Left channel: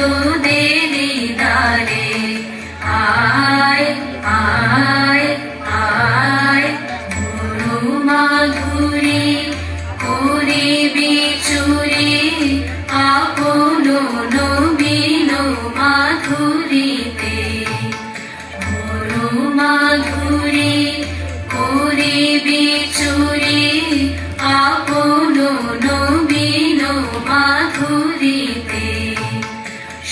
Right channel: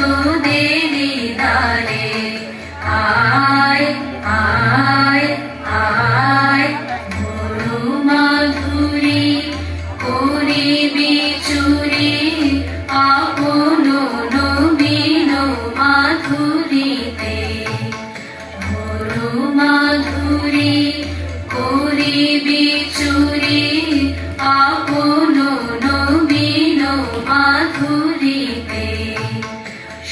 তোদেরি দ্বারে আয় আয় আয় বড় মাধুরী করিবি চুরি আপন নবীন মাধুরীতে বড় মাধুরী করিবি চুরি আপন নবীন মাধুরীতে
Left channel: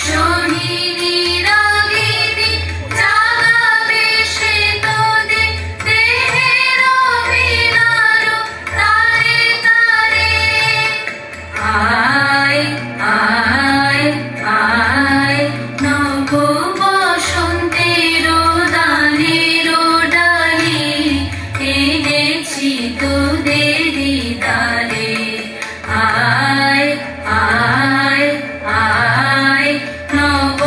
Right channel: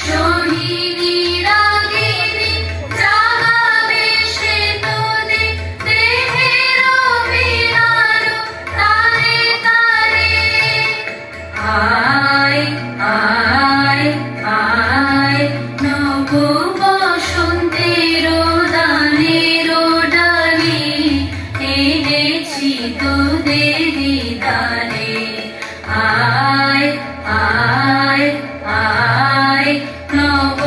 সোহিনী রাগিনী জাগাবে সে তোদের দেহের বিহার তারে তারে আয় আয় আয় নব বসন্তের দানের ডালি এনেছি তোদেরি দ্বারে আয় আয় আয় নব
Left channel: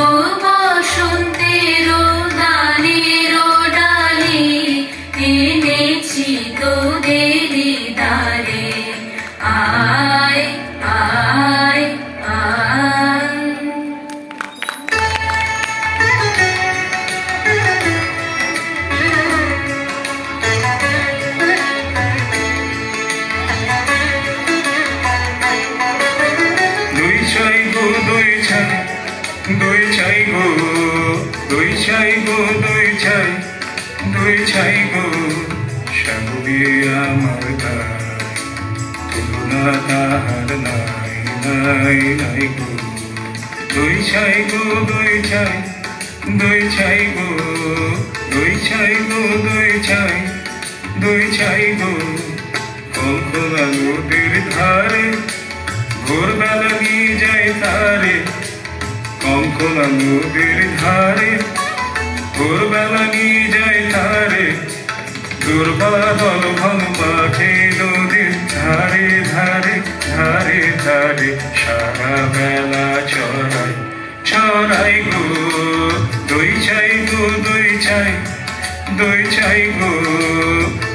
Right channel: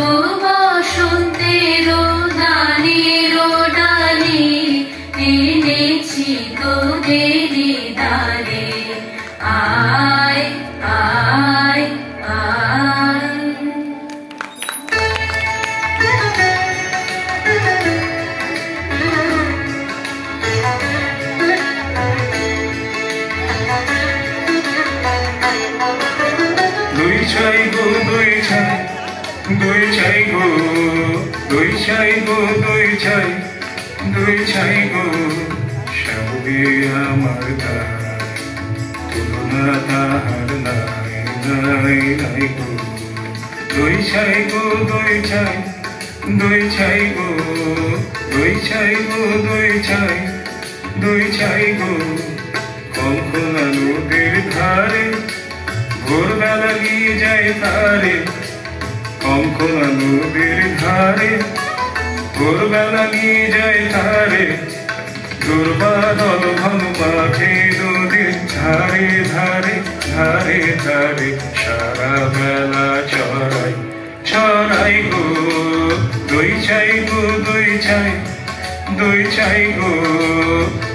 বসন্তের দানের ডালি এনেছি তোদেরি দ্বারে আয় আয় আয় দই চাই গো দই চাই দই চাই গো দই চাই গো দই চাই দই চাই গো সবে আমার গান তুলনা তাহার নাই নাই নাই গো দই চাই গো দই চাই দই চাই গো দই চাই গো দই চাই দই চাই গো কঙ্কনা নদীর ধারে ভোরবেলা নিয়ে যায় তারে কঙ্কনা নদীর ধারে ভোরবেলা নিয়ে যায় তারে দুর্বাদল ঘন মাঠে নদীর ধারে ধারে ধারে ধারে সারা বেলা ছড়াই ছড়াই গো দই চাই গো দই চাই দই চাই গো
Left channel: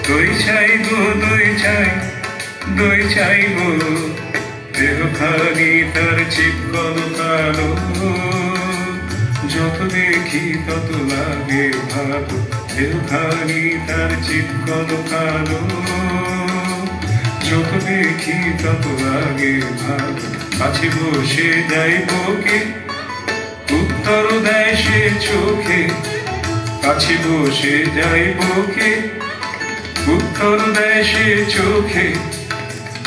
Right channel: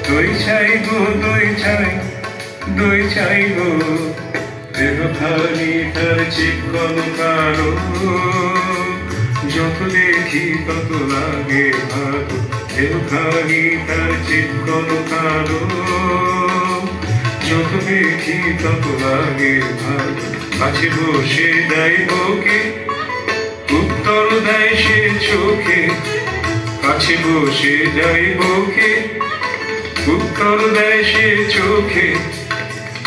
দই চাই গো দই চাই দই চাই গো দেহখানি তার চিৎকন কালো যত দেখি তত লাগে ভালো দেহখানি তার চিৎকন কালো যত দেখি তত লাগে ভালো কাছে বসে দেয় বুকে উত্তর দেয় সে চোখে কাছে বসে যায় বুকে উত্তর দেয় সে চোখে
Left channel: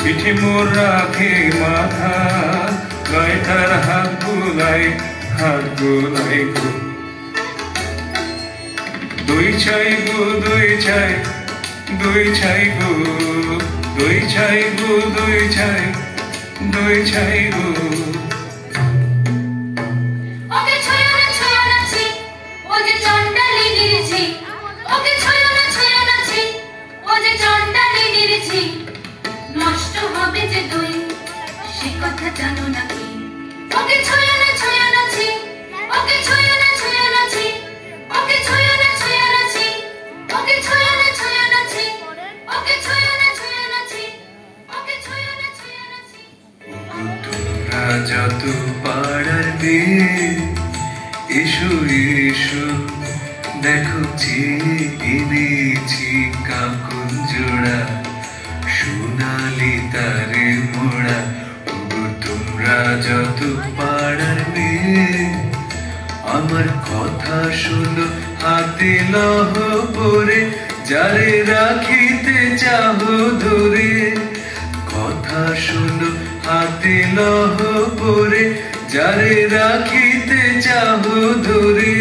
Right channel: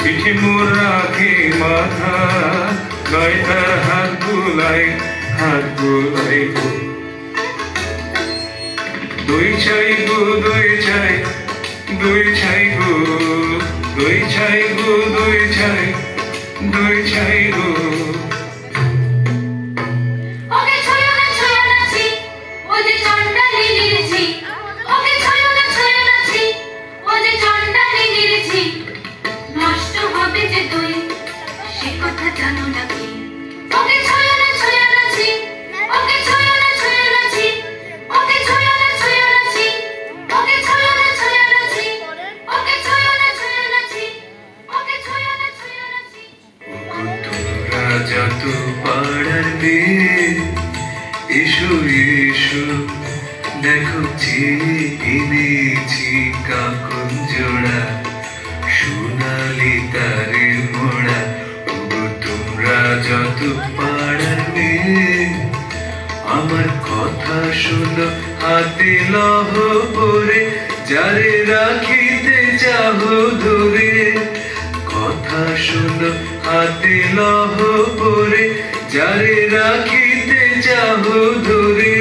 পিঠে মোর রাখে মাথা গায়ে তার হাত বুলাই গো দই চাই গো দই চাই দই চাই গো দই চাই গো দই চাই দই চাই গো ওকে ছয় না ছি ও যে চন্ডালি নিরেছি ওকে ছয় না ছি ও যে চন্ডালি নিরেছি নষ্ট হবে যে দই সে কথা জানো নাকি ওকে ছয় না ছি ওকে ছয় না ছি ওকে ছয় না ছি ওকে ছয় না ছি ওকে ছয় না ছি ওকে ছয় না ছি তোমরা যত পাড়ার মেয়ে এসো এসো দেখো এনেছি কাকুন জোড়া সোনালি তারে মোড়া তোমরা যত পাড়ার মেয়ে আমার কথা শুনো হাতে লহ পরে যারে রাখিতে চাহ ধরে কথা শুনো হাতে লহ পরে যারে রাখিতে চাহ ধরে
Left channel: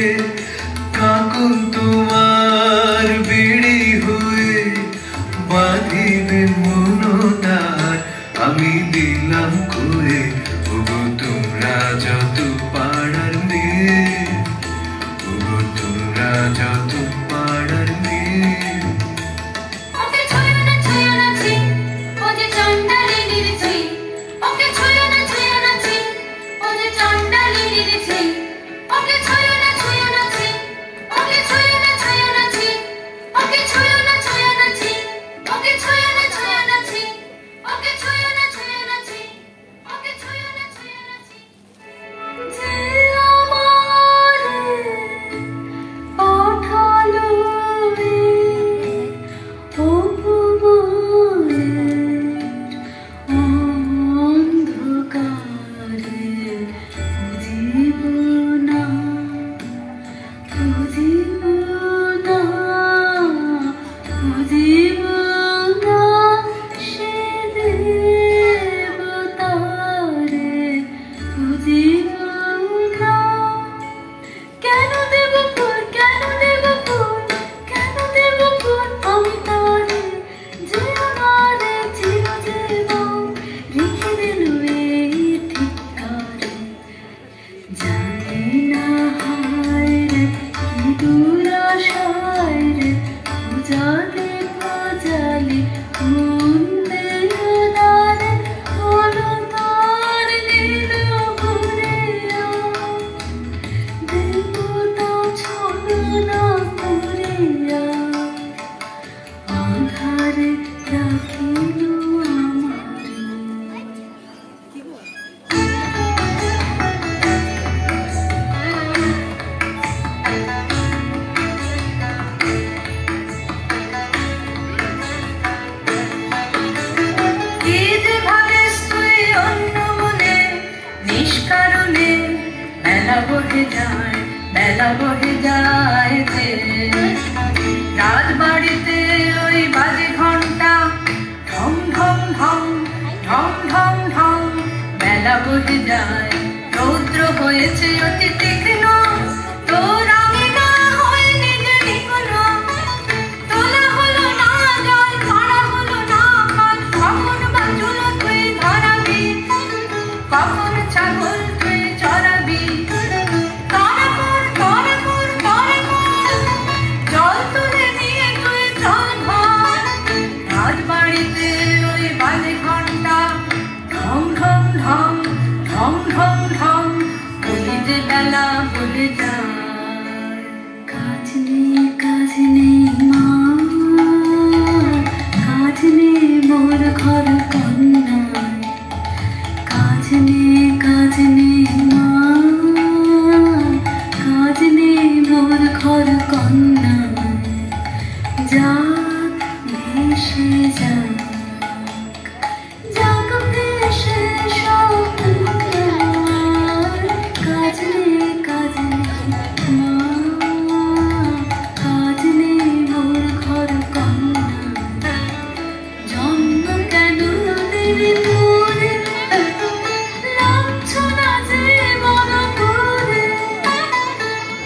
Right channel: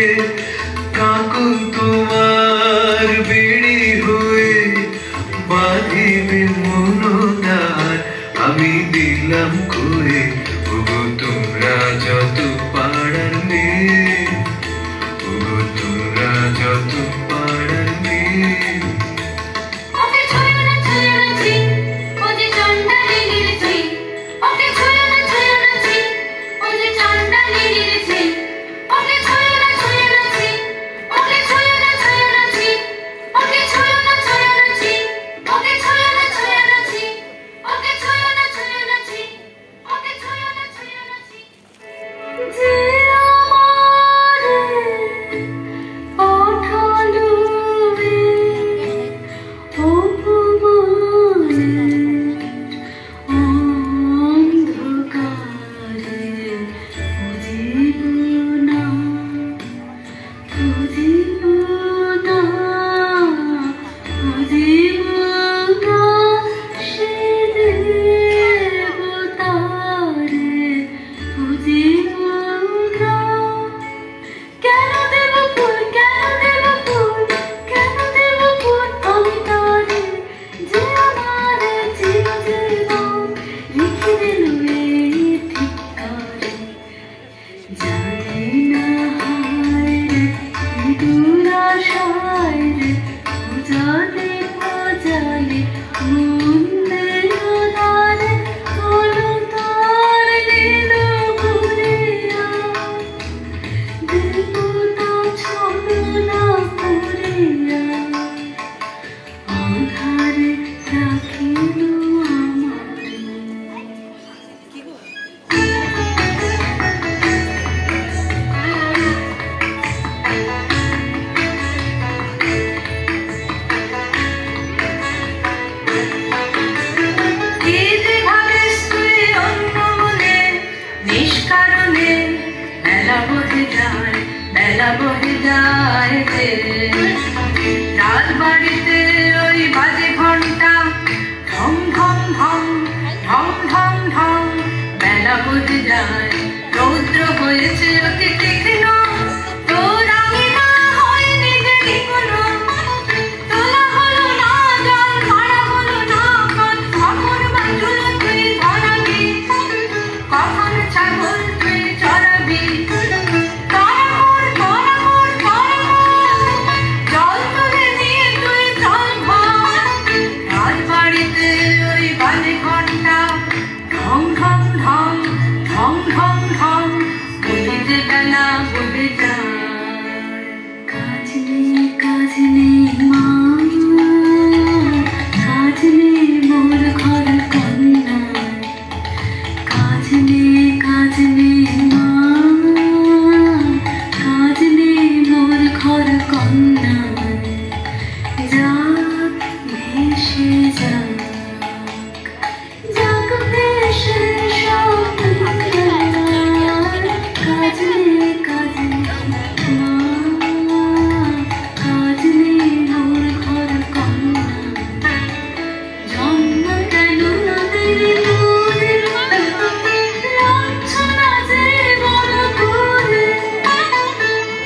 কাকুন তোমার বিড়ি হয়ে বাঁধিবে মনোদার আমি দিলাম করে ওগো তোমরা যত পাড়ার মেয়ে ওগো তোমরা যত পাড়ার মেয়ে ওকে ছয় না ছি ও যে চন্ডালি নিরেছি ওকে ছয় না ছি ও যে চন্ডালি নিরেছি ওকে ছয় না ছি ওকে ছয় না বহে যায়, বেলা বহে যায় রে। রাজবাড়িতে ওই বাজে ঘন্টা, ঢং ঢং ঢং ঢং ঢং ঢং। বেলা বহে যায়, রৌদ্র হয়েছে অতি তীক্ষ্ণ, তোর আমি না হয়নি যে বিপন্ন। তোলা হলো না জল, মারা হলো না পথ, কখন বাঁচল তুই ধরাবি, কখন ছাগল তুই চড়াবি। জল তুলে নিয়ে তুই চল ভর, রাজবাড়িতে ওই বাজে ঘন্টা, ঢং ঢং ঢং ঢং ঢং ঢং। বলি যে বেলা বলে যায়। কাজ নেই মা, কাজ নেই মোর ঘর কন্যায়। কাজ নেই মা, কাজ নেই মোর ঘর কন্যায়। যাক ভেসে যাক, যাক ভেসে সব দুনিয়ায়। কাজ নেই মা, কাজ নেই মোর ঘর কন্যায়। জন্ম কেন দেরি করে, লাঞ্ছনা যে বড় করে।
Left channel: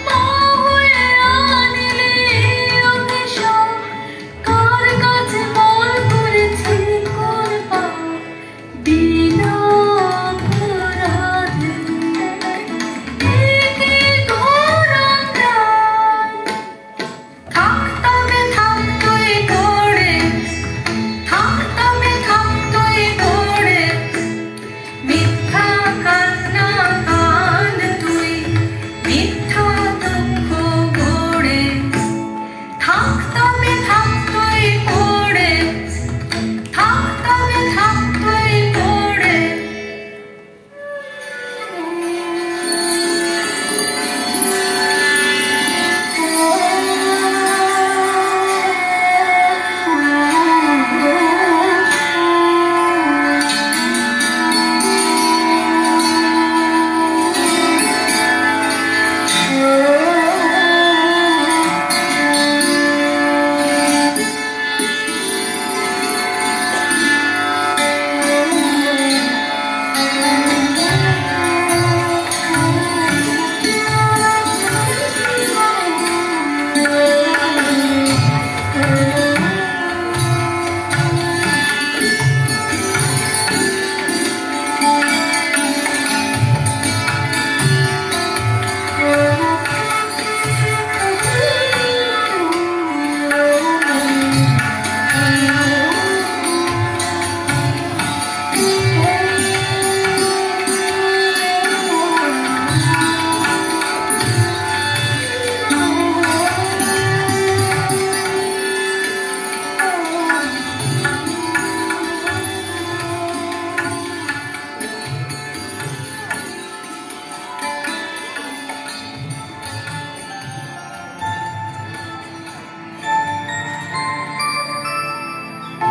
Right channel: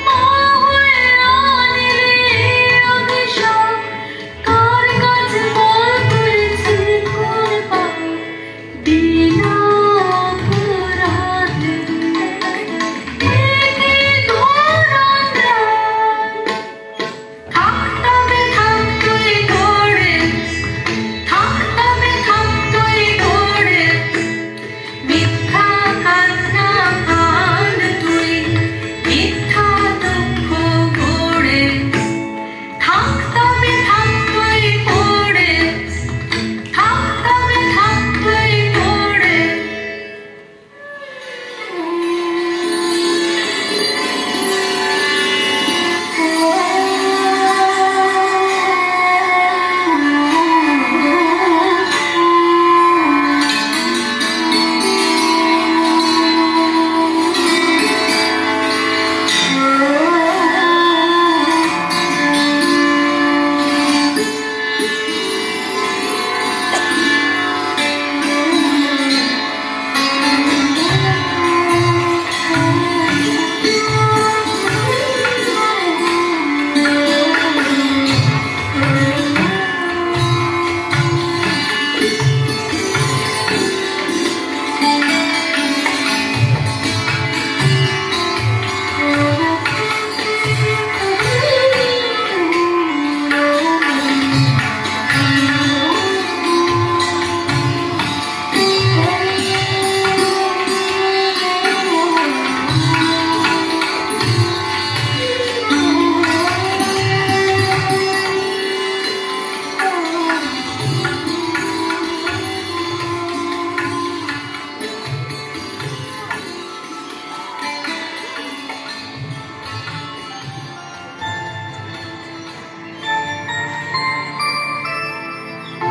মা হয়ে আনিলে অভিশাপ, কার কাছে বল করেছি কোরবান, বিনা অপরাধে। এ কি ঘোর অন্যায়। থাক তবে থাক তুই ঘোরে, থাক তবে থাক তুই ঘোরে। মিথ্যা কান্না কাঁদ তুই, মিথ্যা দুঃখ ঘোরে। থাক তবে থাক তুই ঘোরে, থাক তবে থাক তুই ঘোরে।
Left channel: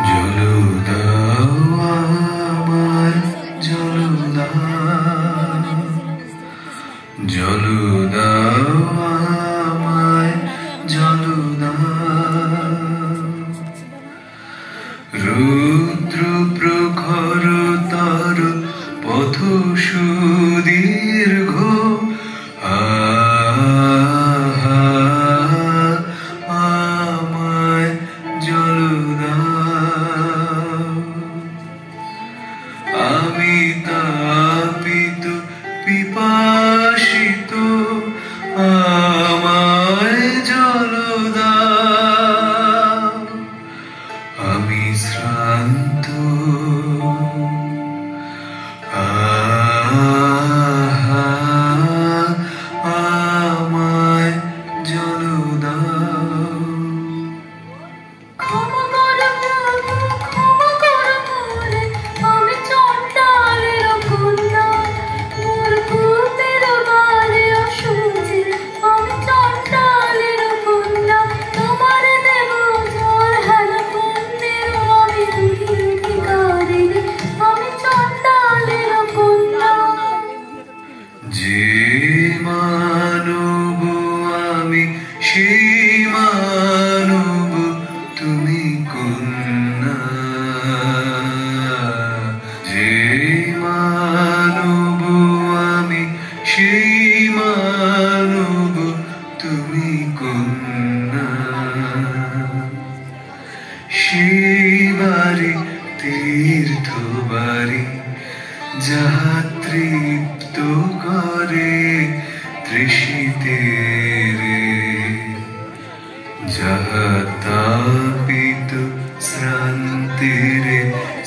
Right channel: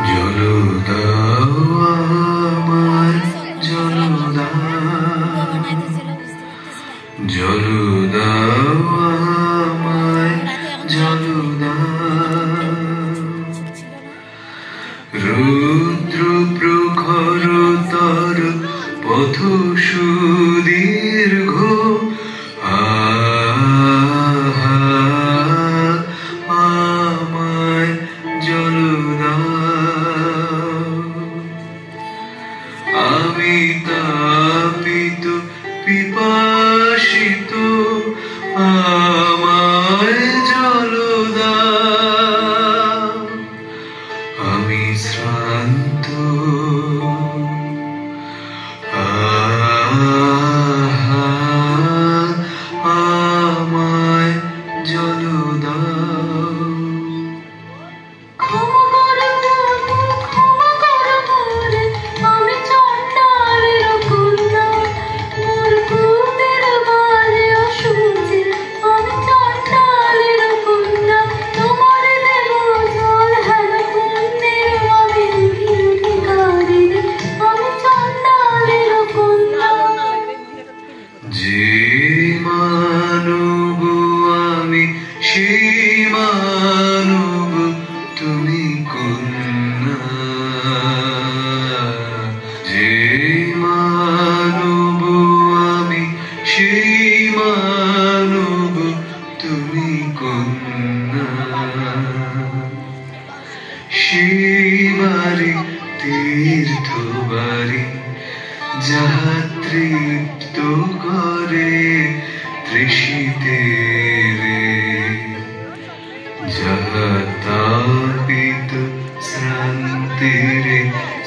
জল দাও আমায়, জল দাও, জল দাও আমায়, জল দাও। রুদ্র প্রখর তর পথ সুদীর্ঘ, আমায় জল দাও। আমি তাপিত পিপাসিত, মানব তুমি কন্যা সেই বাড়ি তীর্থ বাড়ি যাহা তৃপ্ত করে তৃষিতে রে যাহা তাপিত শ্রান্তিরে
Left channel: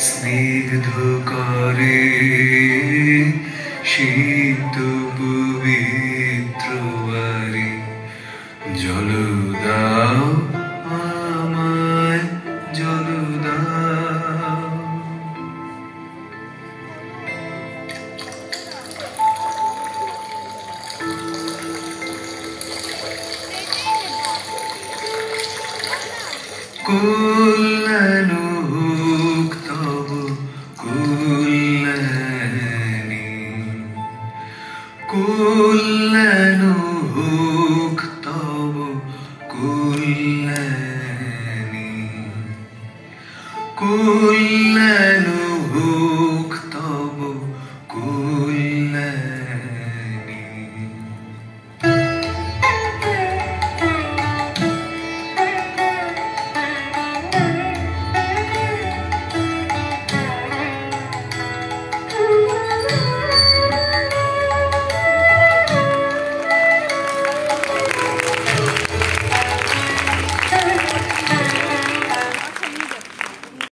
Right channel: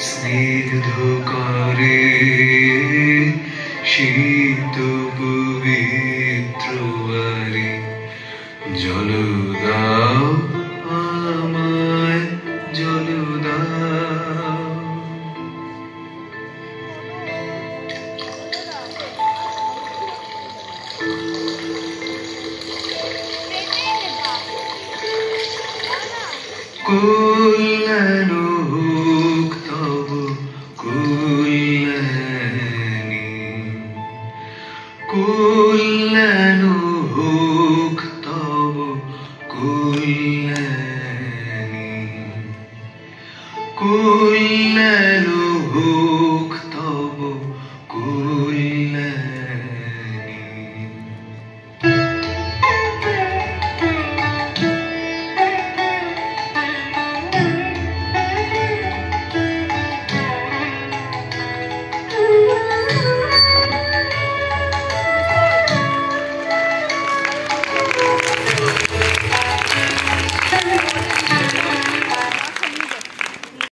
স্নিগ্ধ করে শীত পবিত্র বাড়ি জল দাও আমায় জল দাও। কল্যাণ হোক তব কল্যাণী কল্যাণ